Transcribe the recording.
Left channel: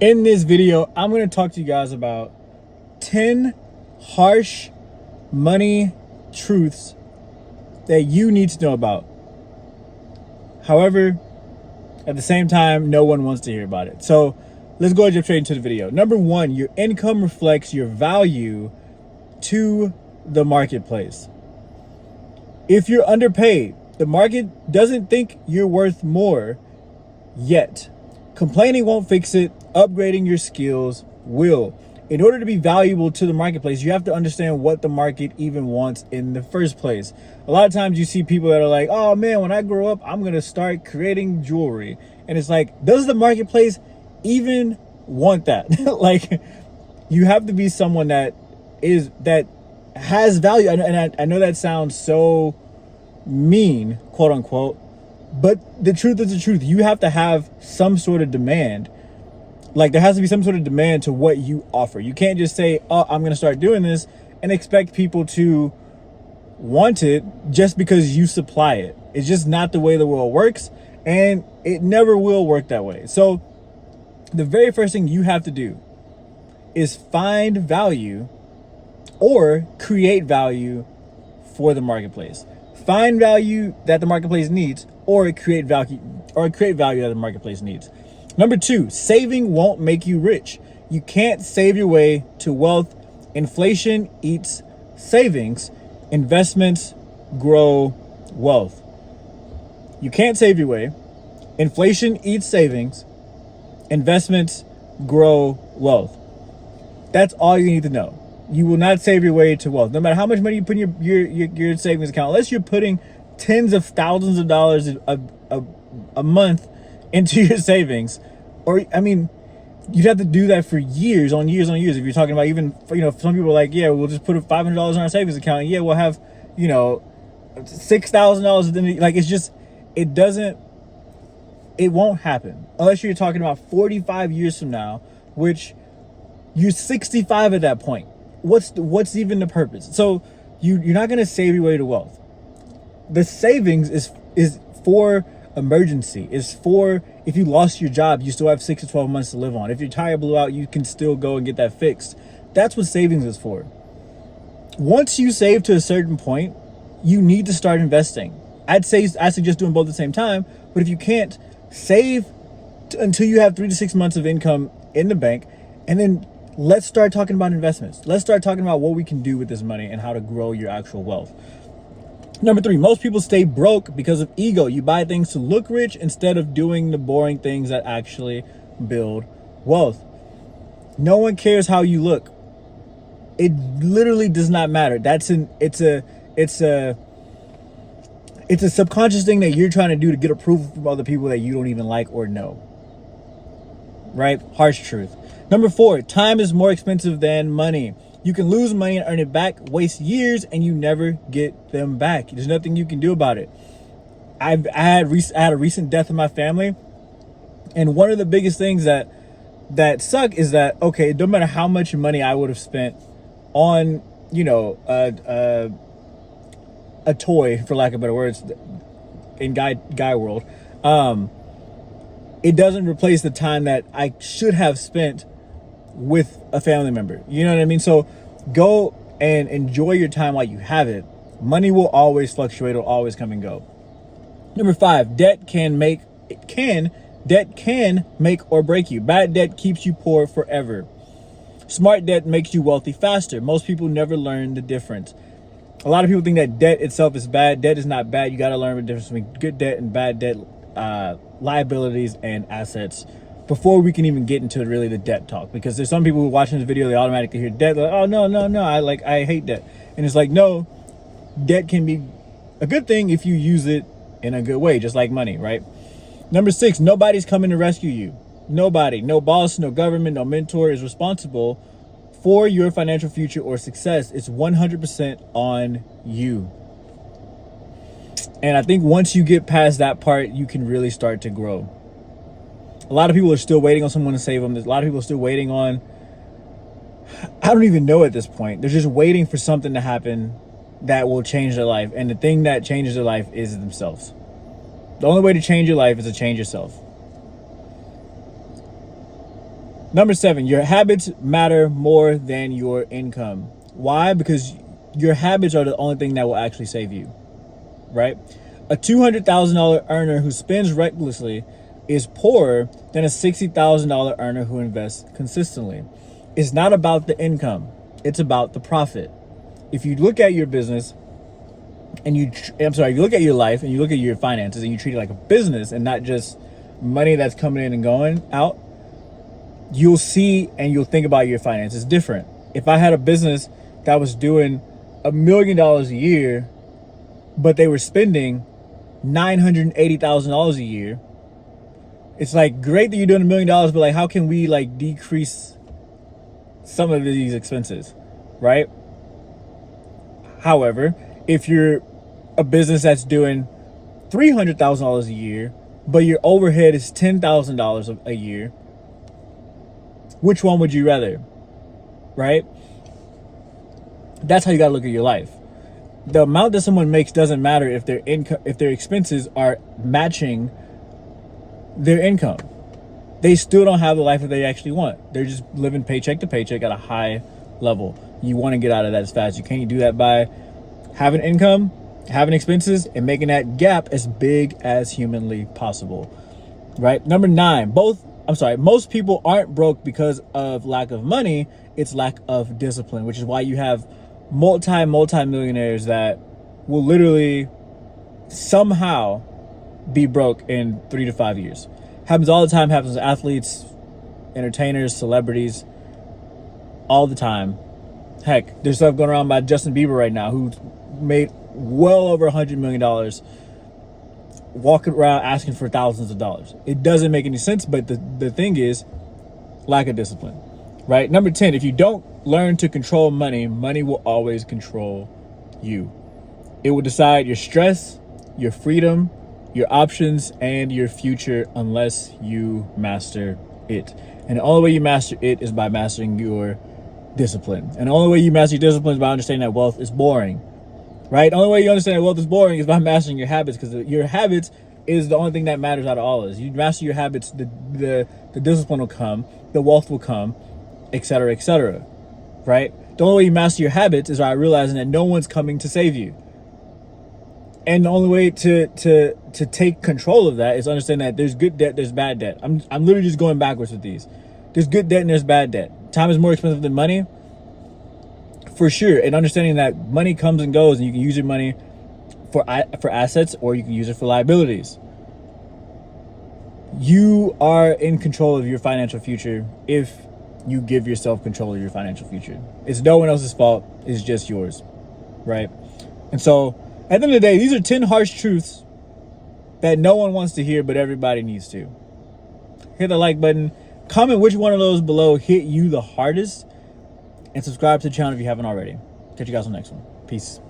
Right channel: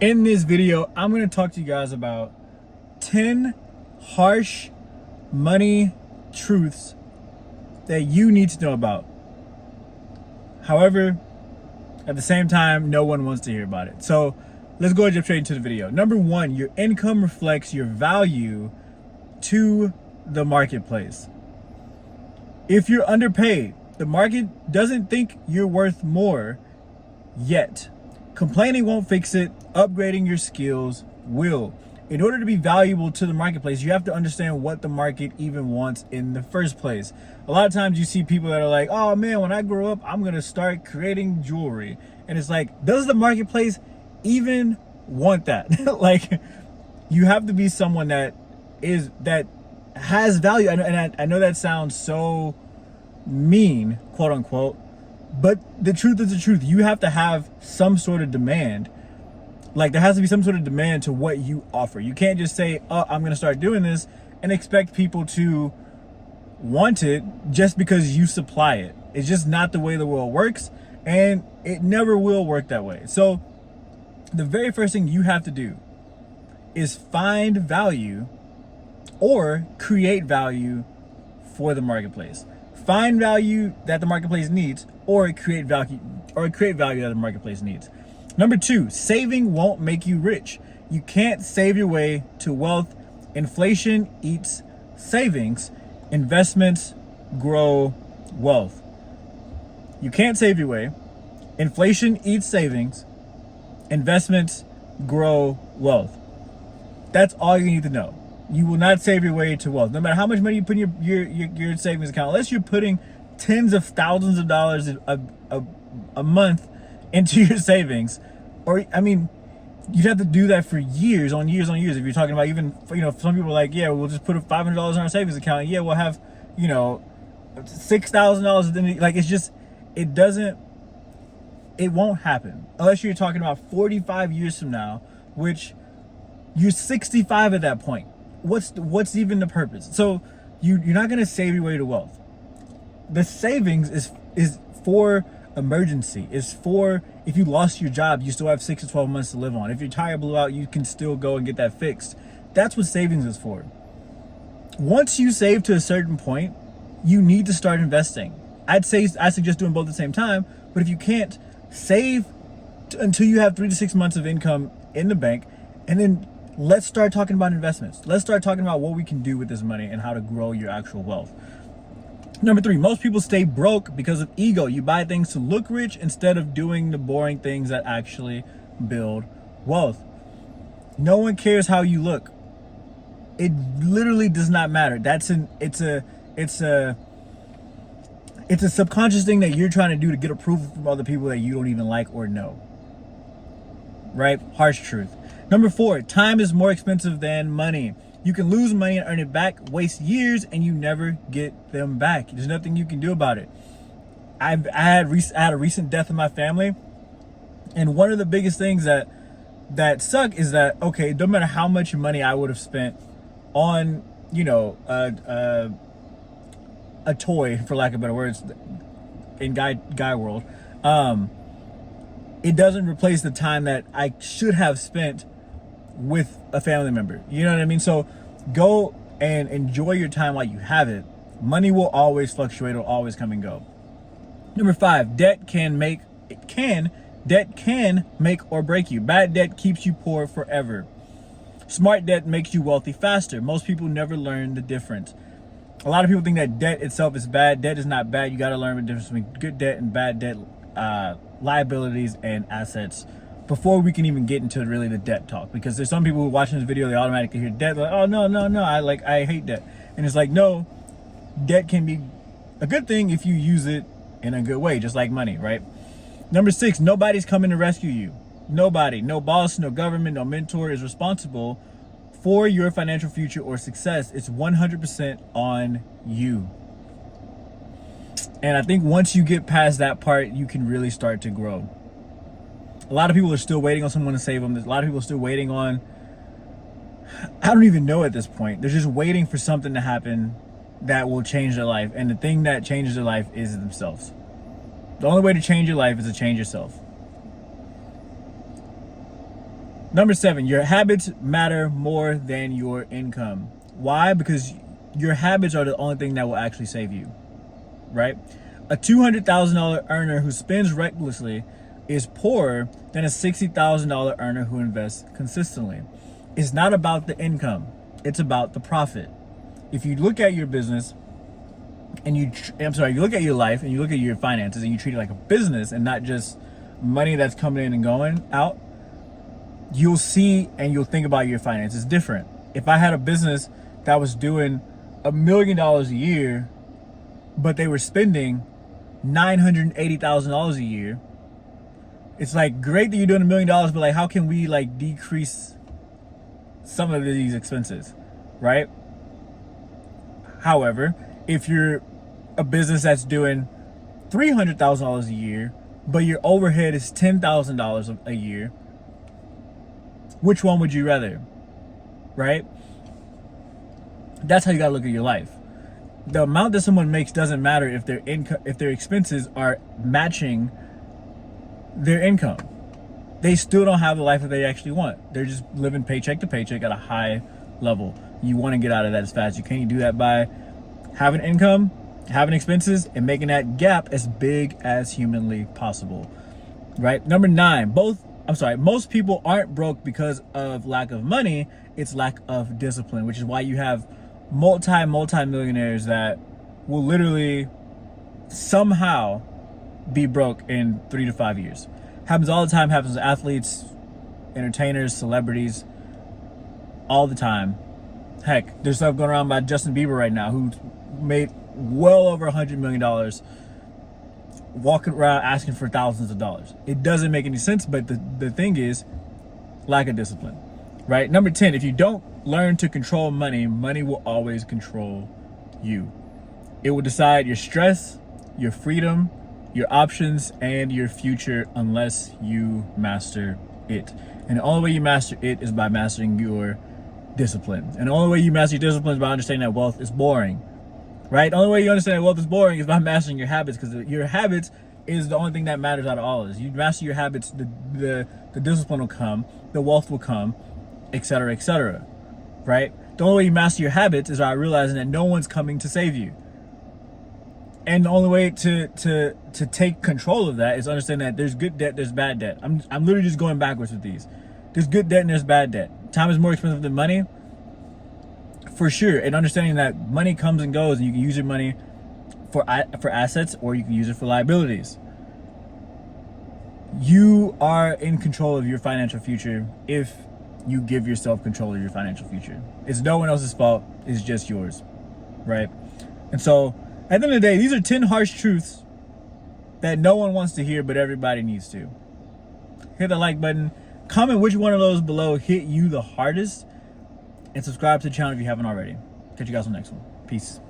In this video, I'm going to talk to you guys about 10 harsh money truths that you need to know about. However, at the same time, no one wants to hear about it. So let's go and jump straight into the video. Number one, your income reflects your value to the marketplace. If you're underpaid, the market doesn't think you're worth more yet. Complaining won't fix it. Upgrading your skills will. In order to be valuable to the marketplace, you have to understand what the market even wants in the first place. A lot of times you see people that are like, oh man, when I grow up, I'm going to start creating jewelry. And it's like, does the marketplace even want that? Like, you have to be someone that has value. I know that sounds so mean, quote unquote, but the truth is the truth. You have to have some sort of demand. Like, there has to be some sort of demand to what you offer. You can't just say, oh, I'm going to start doing this and expect people to want it just because you supply it. It's just not the way the world works, and it never will work that way. So the very first thing you have to do is find value or create value for the marketplace. Find value that the marketplace needs, or create value that the marketplace needs. Number two, saving won't make you rich. You can't save your way to wealth. Inflation eats savings. Investments grow wealth. You can't save your way. Inflation eats savings. Investments grow wealth. That's all you need to know. You will not save your way to wealth. No matter how much money you put in your savings account, unless you're putting tens of thousands of dollars a month into your savings, or I mean, you'd have to do that for years on years on years. If you're talking about, even, some people are like, yeah, we'll just put $500 in our savings account, and yeah, we'll have, $6,000. Like, it's just, it won't happen unless you're talking about 45 years from now, which you're 65 at that point. What's even the purpose? So you're not going to save your way to wealth. The savings is for emergency. Is for if you lost your job, you still have 6 to 12 months to live on. If your tire blew out, you can still go and get that fixed. That's what savings is for. Once you save to a certain point, you need to start investing. I suggest doing both at the same time. But if you can't, save until you have 3 to 6 months of income in the bank, and then let's start talking about investments. Let's start talking about what we can do with this money and how to grow your actual wealth. Number three, most people stay broke because of ego. You buy things to look rich instead of doing the boring things that actually build wealth. No one cares how you look. It literally does not matter. It's a subconscious thing that you're trying to do to get approval from other people that you don't even like or know. Right? Harsh truth. Number four, time is more expensive than money. You can lose money and earn it back, waste years, and you never get them back. There's nothing you can do about it. I had a recent death in my family, and one of the biggest things that suck is that, okay, no matter how much money I would have spent on, a toy, for lack of better words, in guy world, it doesn't replace the time that I should have spent with a family member. You know what I mean? So go and enjoy your time while you have it. Money will always fluctuate. It'll always come and go. Number five, debt can make or break you. Bad debt keeps you poor forever. Smart debt makes you wealthy faster. Most people never learn the difference. A lot of people think that debt itself is bad. Debt is not bad. You got to learn the difference between good debt and bad debt, liabilities and assets, before we can even get into really the debt talk. Because there's some people who are watching this video, they automatically hear debt, they're like, oh no, I hate debt. And it's like, no, debt can be a good thing if you use it in a good way, just like money, right? Number six, nobody's coming to rescue you. Nobody, no boss, no government, no mentor is responsible for your financial future or success. It's 100% on you. And I think once you get past that part, you can really start to grow. A lot of people are still waiting on someone to save them. There's a lot of people are still waiting on, I don't even know at this point. They're just waiting for something to happen that will change their life. And the thing that changes their life is themselves. The only way to change your life is to change yourself. Number 7, your habits matter more than your income. Why? Because your habits are the only thing that will actually save you, right? A $200,000 earner who spends recklessly is poorer than a $60,000 earner who invests consistently. It's not about the income, it's about the profit. If you look at your business and if you look at your life and you look at your finances and you treat it like a business and not just money that's coming in and going out, you'll see and you'll think about your finances different. If I had a business that was doing $1 million a year, but they were spending $980,000 a year, it's like, great that you're doing $1 million, but like, how can we like decrease some of these expenses, right? However, if you're a business that's doing $300,000 a year, but your overhead is $10,000 a year, which one would you rather, right? That's how you gotta look at your life. The amount that someone makes doesn't matter if their income, if their expenses are matching their income. They still don't have the life that they actually want. They're just living paycheck to paycheck at a high level. You want to get out of that as fast as you can. You do that by having income, having expenses, and making that gap as big as humanly possible, right? Number 9, most people aren't broke because of lack of money. It's lack of discipline, which is why you have multi-millionaires that will literally somehow be broke in 3 to 5 years. Happens all the time, happens to athletes, entertainers, celebrities, all the time. Heck, there's stuff going around by Justin Bieber right now, who made well over $100 million walking around asking for thousands of dollars. It doesn't make any sense, but the thing is lack of discipline, right? Number 10, if you don't learn to control money, money will always control you. It will decide your stress, your freedom, your options, and your future unless you master it. And the only way you master it is by mastering your discipline. And the only way you master your discipline is by understanding that wealth is boring, right? The only way you understand that wealth is boring is by mastering your habits, because your habits is the only thing that matters out of all of this. You master your habits, the discipline will come, the wealth will come, etc., right? The only way you master your habits is by realizing that no one's coming to save you. And the only way to take control of that is understand that there's good debt, there's bad debt. I'm literally just going backwards with these. There's good debt and there's bad debt. Time is more expensive than money, for sure. And understanding that money comes and goes, and you can use your money for assets, or you can use it for liabilities. You are in control of your financial future if you give yourself control of your financial future. It's no one else's fault. It's just yours, right? And so, at the end of the day, these are 10 harsh truths that no one wants to hear, but everybody needs to. Hit the like button. Comment which one of those below hit you the hardest. And subscribe to the channel if you haven't already. Catch you guys on the next one. Peace.